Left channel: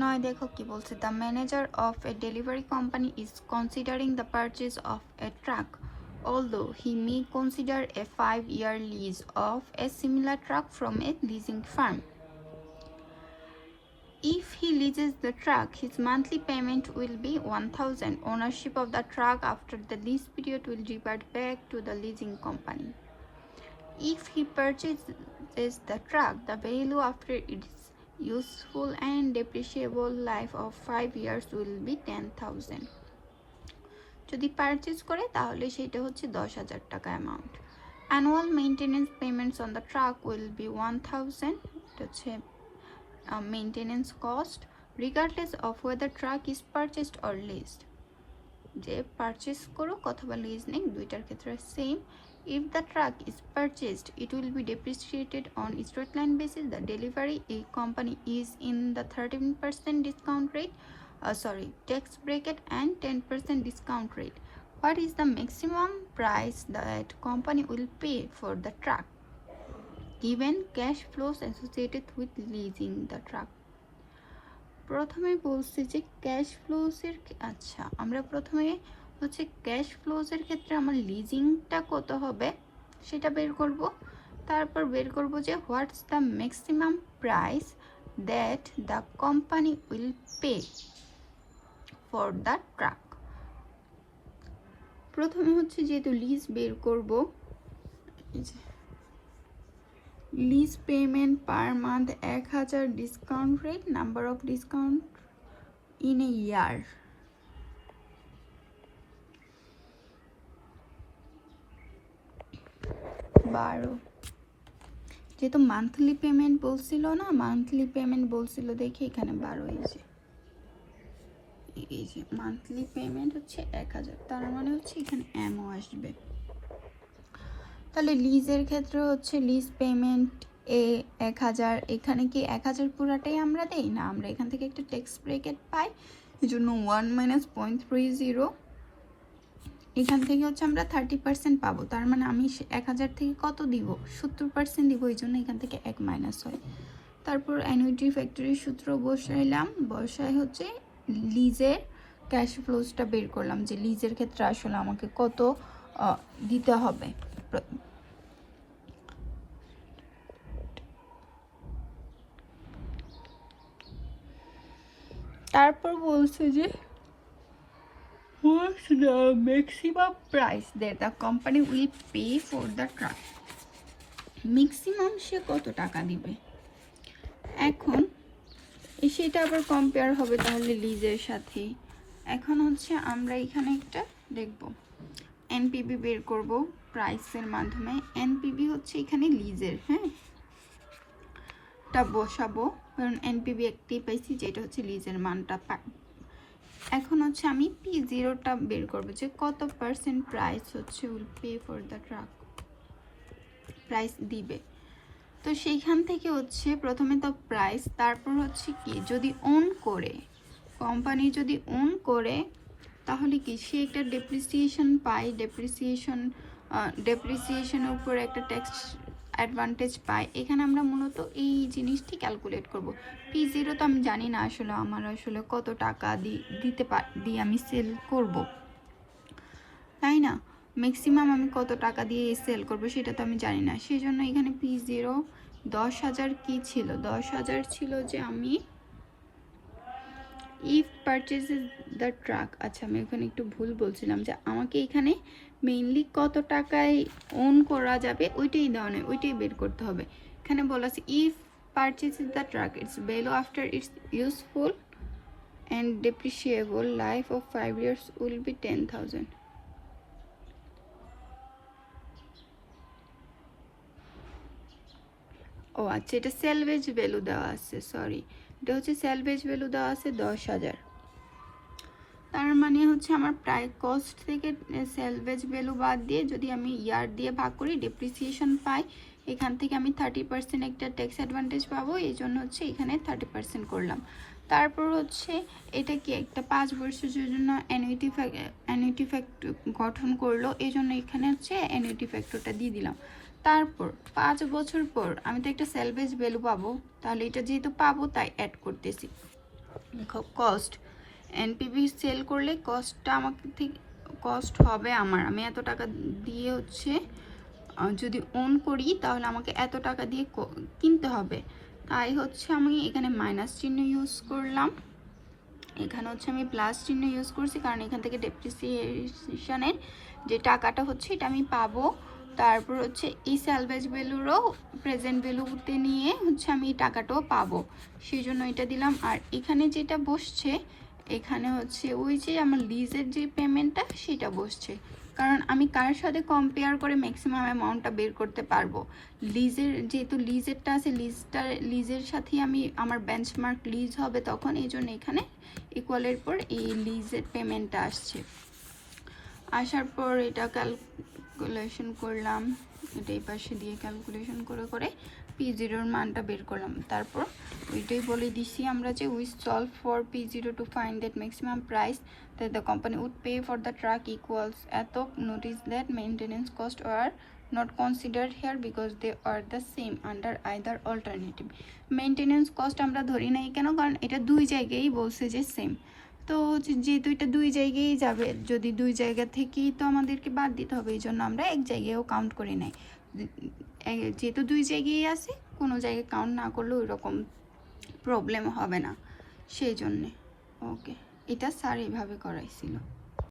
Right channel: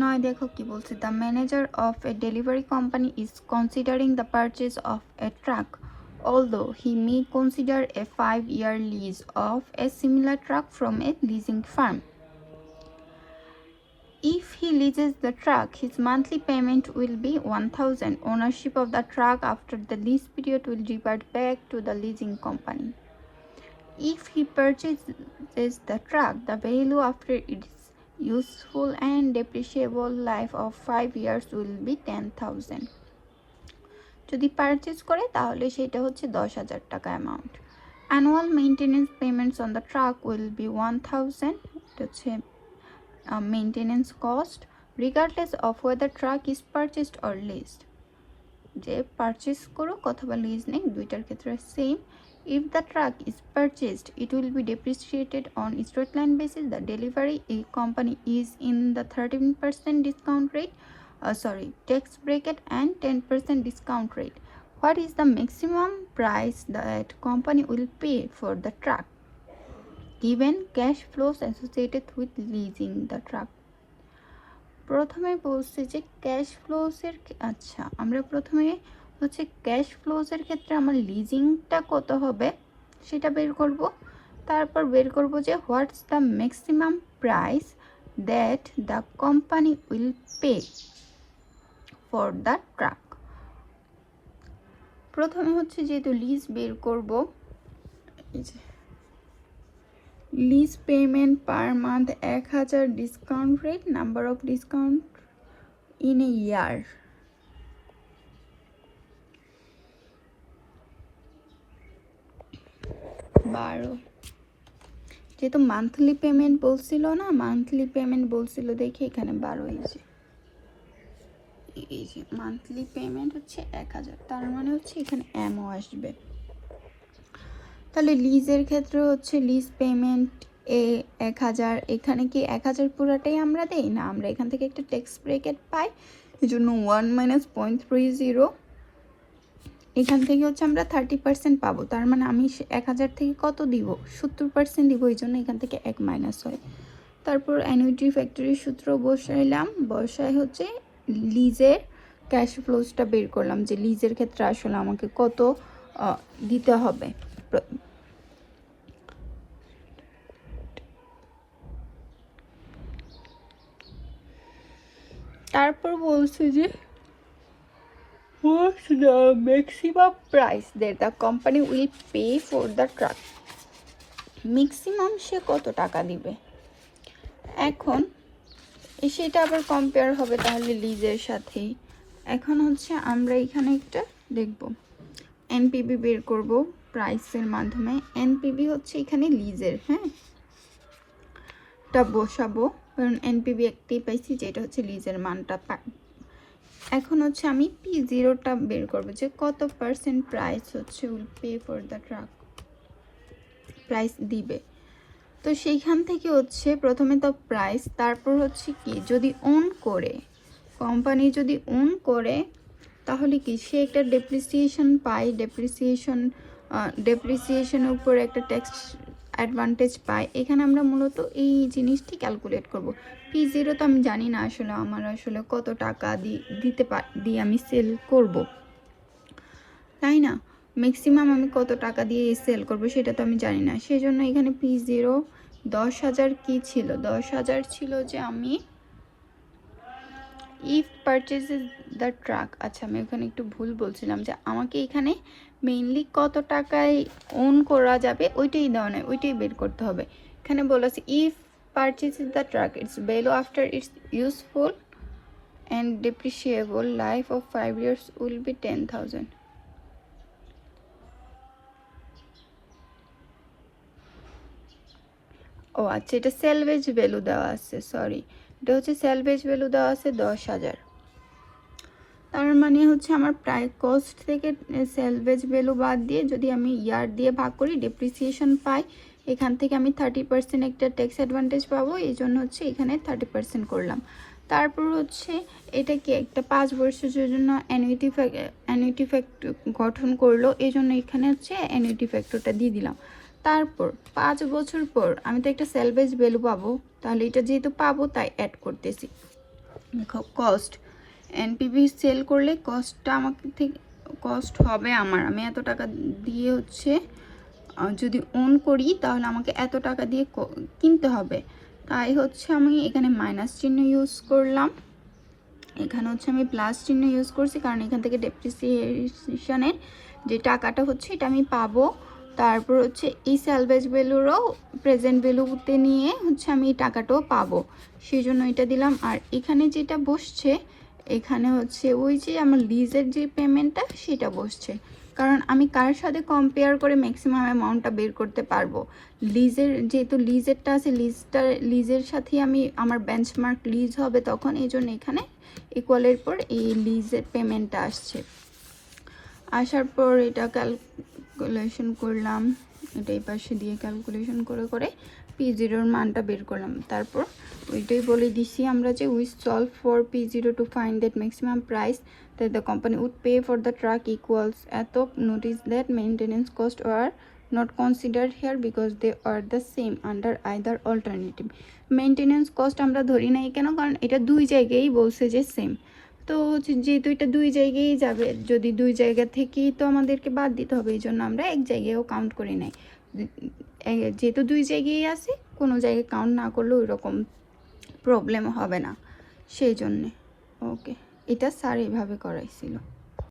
নয় দেখো কি বলছে, the manager of A delivery company is considering the purchase of A truck, although he may consider a 5-year lease of a similar truck from a leasing firm. If he leases the truck, his monthly payment will be 1,000. Ownership of the truck after the lease period will revert back to the leasing company. If he purchases the truck, the value after its useful and depreciable life of 5 years will be 10,000. যদি purchase করে তাহলে সেটা হচ্ছে 10,000 টাকা amount. Annual maintenance payments on the truck will be 1,000, এটা হচ্ছে maintenance cost, regardless of weather truck is purchased or leased. যে purchase করুক অথবা লিজ নেই, দুইটার ক্ষেত্রে same. If the truck is purchased, it will be depreciated on straight line basis. The delivery company is in the 13% discount rate, tax bracket and 10% discount rate. What is the maximum price that company will pay for the truck, given cash flows associated with leasing the truck? প্রথমে বলছে যে cash ফ্লোসের, আচ্ছা আমরা প্রথমে হচ্ছে cash ফ্লোসের ক্ষেত্রে আমার লিজিংটা কত হবে সেটা বের করব, তারপর বের করব যে what's the maximum price that the company will pay for the truck. প্রথমে হচ্ছে যেহেতু লিজ বের করব, lease payment per month 1,000, discount rate, number of discount in a year, যেহেতু মান্থলি পেমেন্ট বলছিল না, মান্থলি পেমেন্ট বলছিল দেখি এখানে 12, এই যে মান্থলি পেমেন্ট হচ্ছে 1,000, তার মানে হচ্ছে এখানে এমও আসবে। তাহলে লিজের ক্ষেত্রে হচ্ছে লিজ পেমেন্ট 1,000, এখানে কি 1,000 পুরাটাই আমরা দেই না, আমরা এখান থেকে একটা ট্যাক্স ব্রেকেট পাই, এই জন্য 1 - 0.30, এখান থেকে হচ্ছে আমরা 30% পাবো, তার মানে আমি 1,000 থেকে কত দিব, 70% দিব, এই জন্য এখান থেকে 1 মাইনাস হয়। তারপর অ্যানুইটি ফ্যাক্টরির সূত্র বসাইলাম, বসায় হচ্ছে লিজের ক্যাশ ফ্লোসটা বের করলাম, যে লিজের ক্ষেত্রে আসলে আমাকে কত দিতে হবে। তারপর বলছে যে what's the maximum price that the company will pay for the truck, maximum সে কত টাকা দিবে। এখন সেটা আবার কম্পেয়ার হবে তাহলে লিজের সাথেই। এখন হচ্ছে আমরা এখানে একটা দেখব এনপিবি বের করব প্রাইসের মাধ্যমে। এনপিবি হচ্ছে এখানে লিজের, হ্যাঁ এটা বসাবো, কারণ এনপিবি একটাই পাইছি যেটা হচ্ছে লিজের মানটা। এখন হচ্ছে আমি P0টা বের করব, যে কত পার্সেন্ট প্রাইস হচ্ছে will pay for the truck, price দিবে। তো সেইখান থেকে হচ্ছে প্রথমে তো প্রাইস, তারপর হচ্ছে কি যদি ওন করে, কোম্পানি যদি ওন করে তাহলে কি সে একটা ডেপ্রিসিয়েশন পায়, ডেপ্রিসিয়েশনের উপর একটা ট্যাক্স অ্যাডভান্টেজ পায়। এখানে আমরা মূলত এই জিনিসটি ক্যালকুলেট করব। P0 তো আমি জানি না আসলে আমার আসলে কত টাকা দিয়ে আমি সেল করব, তাই না, ম্যাক্সিমাম আমি কত টাকা দিয়ে সেল করব সেটা তো আমি জানি না, সেই জন্য এখানে P0 10,000 কি ছিল, 10,000 ছিল যে আমি ইফ পারচেজেস দ্য ট্রাক, আচ্ছা আমি ওখানে একটু ভুল বলছিলাম, যে আমাকে এখানে মেইনলি কত টাকায় ওন করা যাবে ওইটাই দেওয়া নয়, ওইটাই বের করতে হবে। এখানে বলেছে if purchases the truck its value after its useful and depreciable life of 5 years will be 10,000। ও আচ্ছা, এটা সেলভেজ ভ্যালু দেওয়া আছে, সরি এটা হচ্ছে সেলভেজ ভ্যালু দেওয়া আছে 10,000, তার মানে হচ্ছে আমার প্রায় কস্ট থেকে সেলভেজ ভ্যালু বাদ দিয়ে যদি আমি ইয়ার দিয়ে ভাগ করি ডেপ্রিসিয়েশন পাই, এখান থেকে আমি 30% একটা ট্যাক্স অ্যাডভান্টেজ পাবো, এই জন্য হচ্ছে এখানে 30% করলাম। তারপর হচ্ছে এটা কি একটা 5 বছরের জন্য অ্যানুইটি ফ্যাক্টর গঠন করলো, এই জন্য এখানে হচ্ছে অ্যানুইটি ফ্যাক্টরটা দিয়ে দিলাম। তারপর 5 বছর পর আমি তো একটা সেলভেজ ভ্যালু পাবো, তাহলে এটা যেহেতু পাবো তাই অ্যাড করতেছি। কস্ট এনপিভি সেল করলে কস্টটা আমাকে থেকে কস্ট হবে আমি এত টাকা দিয়ে হচ্ছে যদি অন করি তাহলে আমাকে এত টাকা দিয়ে কিনতে হবে। তাই হচ্ছে আমি এখানে মাইনাস চিহ্ন ইউজ করলাম, এখানে হচ্ছে আমি প্লাস চিহ্ন ইউজ করছি, কারণ এখান থেকে ডেপ্রিসিয়েশনের যে টাকাটা হচ্ছে এটা আমি পাবো। তারপর হচ্ছে এই স্যালভেজ ভ্যালুরও প্রেজেন্ট ভ্যালুতে নিয়ে হচ্ছে আমি এই টাকাটাও পাবো, সেই জন্য এটা দিলাম। আর এখানে যেটা বসছে এখানে হচ্ছে ওই যে আমার লিজের যে পেমেন্টটা সেটা বসছে, কারণ আমি কার সাথে কম্পেয়ার করে ম্যাক্সিমাম অ্যামাউন্টটা বের করতে পারবো। লিজের যেহেতু লিজেরটা আছে, লিজের সাথে আমি আমার বেঞ্চমার্ক লিজ হবে তখন, এই জন্য এখানে ইকুয়ালের পর এই লিজের পেমেন্টটা আসছে। আসার পর এটা ক্যালকুলেশন করলাম, এটা এই পাশে দিয়ে ক্যালকুলেশন করে করে P0 মানটা বের করলাম। তারপর ওইটাই বলে দিছি আমরা যে we solve for P0 to find that maximum price that the company would pay for the truck equals এত, notice that maintenance cost were not considered here because they are the same under either alternative. Maintenance cost আমরা ধরি নাই কেন, কারণ এটা দুই জায়গায় বলছে যে সেম, তো যেহেতু এটা দুই জায়গায় যাবে, যদি দুই জায়গা থেকেই তো আমাদেরকে বাদ দিতে হবে, এই জন্য আমরা এক জায়গায়ও কাউন্ট করি নাই। যেহেতু দুই জায়গায় আছে, কোনো জায়গায় কাউন্ট না করলেও ওইরকম প্রবলেম হবে না, সেই জন্যে। ওকে, এটা স্যার এইভাবে করাইছিল।